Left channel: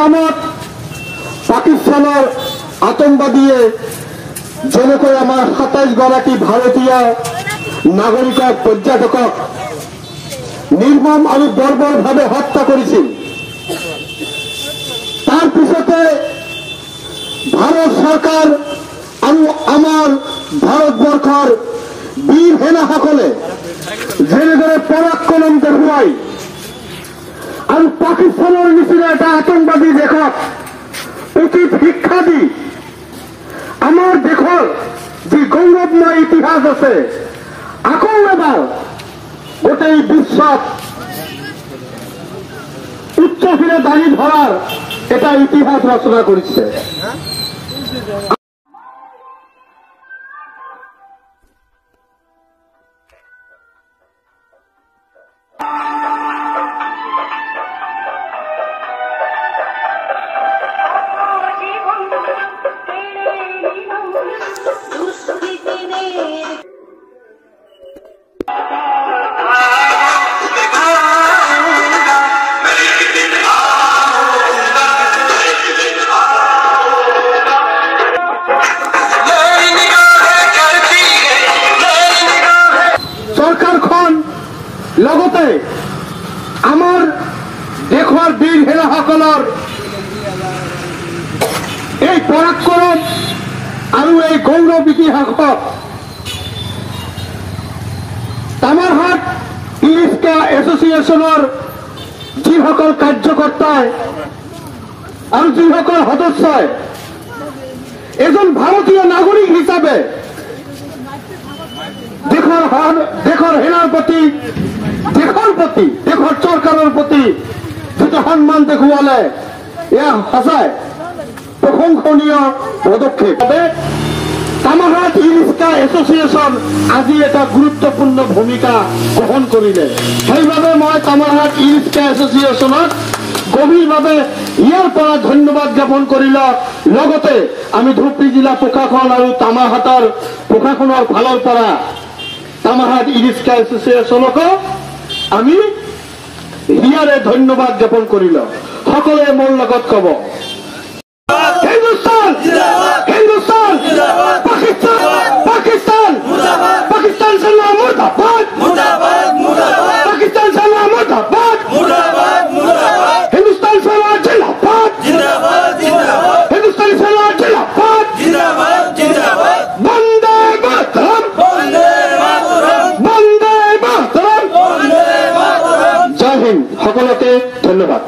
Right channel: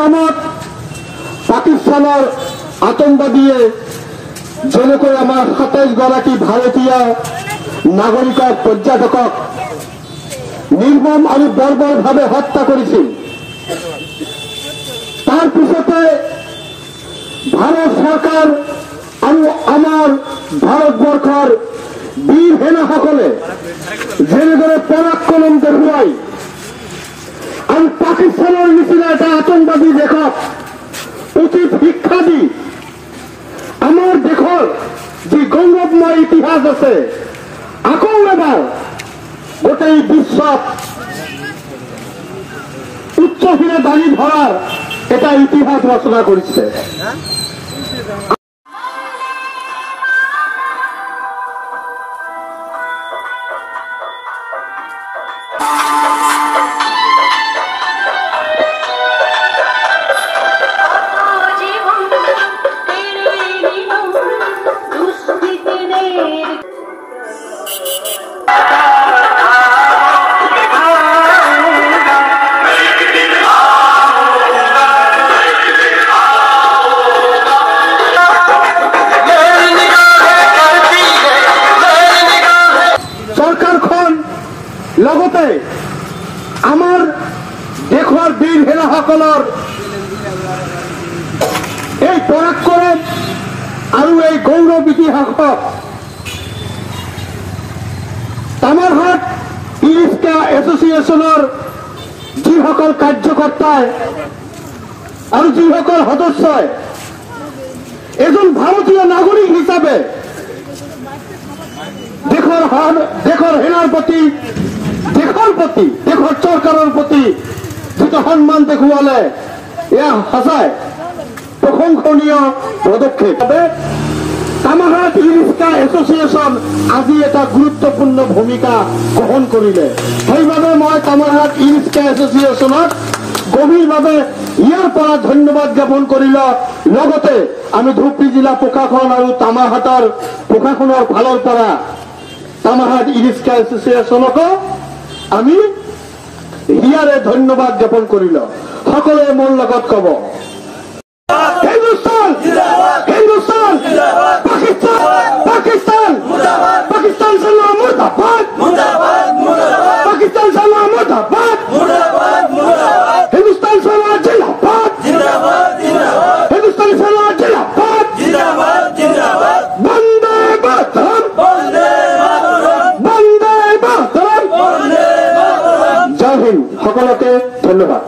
নামত পাকিস্তানৰ আতংকবাদীয়ে যেনেকৈ আমাৰ 27 গৰাকী ভাৰতীয় নাগৰিকক পৰ্যটকক নিৰ্মম আৰু বৰ্বৰভাৱে হত্যা কৰিছিল। তাৰ পিছতে ভাৰত চৰকাৰ আৰু আমাৰ ভাৰতবৰ্ষৰ বীৰ সেনাসকলে যেনেদৰে পৰাক্ৰম দেখুৱাই আৰু পাকিস্তানৰ নিচিনা এটা আতংকবাদী দেশক উচিত শিক্ষা দি আমাৰ দেশৰ যি গৌৰৱময় ইতিহাস আছে আকৌ এবাৰ গোটেই বিশ্বত উচ্চশিৰে দাঙি ধৰাৰ এটা ইতিহাস ৰচনা কৰিছে। লগতে আমাৰ দেশৰ বীৰ সেনাসকলৰ এই পৰাক্ৰম আৰু এই গৌৰৱ ইতিহাসক তামাৰহাট ইলিস্কা এছ'চিয়েশ্যনৰ যিসকল কাৰ্যকৰ্তাই আৰু যিসকল সদস্যই এজন ভাৰতীয় নাগৰিক হিচাপে দেশৰ সেনাৰ প্ৰতি দেশৰ চৰকাৰৰ প্ৰতি যিটো সন্মান দেখুৱালে এয়া সঁচাই প্ৰশংসনীয় পদক্ষেপ। তামাৰহাট ইলিস্কা এছ'চিয়েশ্যন আজি এটা গুৰুত্বপূৰ্ণ ভূমিকা গ্ৰহণ কৰিলে। সেইবাবে মই তামাৰহাট ইলিস্কা এছ'চিয়েশ্যনক গভীৰভাৱে ইয়াৰ পৰা ধন্যবাদ জ্ঞাপন কৰিলো। লগতে আমি ধুবুৰী জিলা প্ৰশাসন আৰু তামাৰহাটৰ প্ৰশাসনৰ ফালৰ পৰা তামাৰহাট ইলিস্কা এছ'চিয়েশ্যনকো আমি ইয়াৰে ধন্যবাদ জ্ঞাপন কৰিলো। সকলোৱে মোৰ লগত কব, হিন্দুস্তান হিন্দুস্তান, পাকিস্তান পাকিস্তান সেনা মুর্দাবাদ, পাকিস্তান সেনা মুর্দাবাদ, হিন্দুস্তান সেনা জিন্দাবাদ, হিন্দুস্তান সেনা জিন্দাবাদ, বন্দে মাতরম, বন্দে মাতরম। জয় হিন্দ, সকলকে ধন্যবাদ।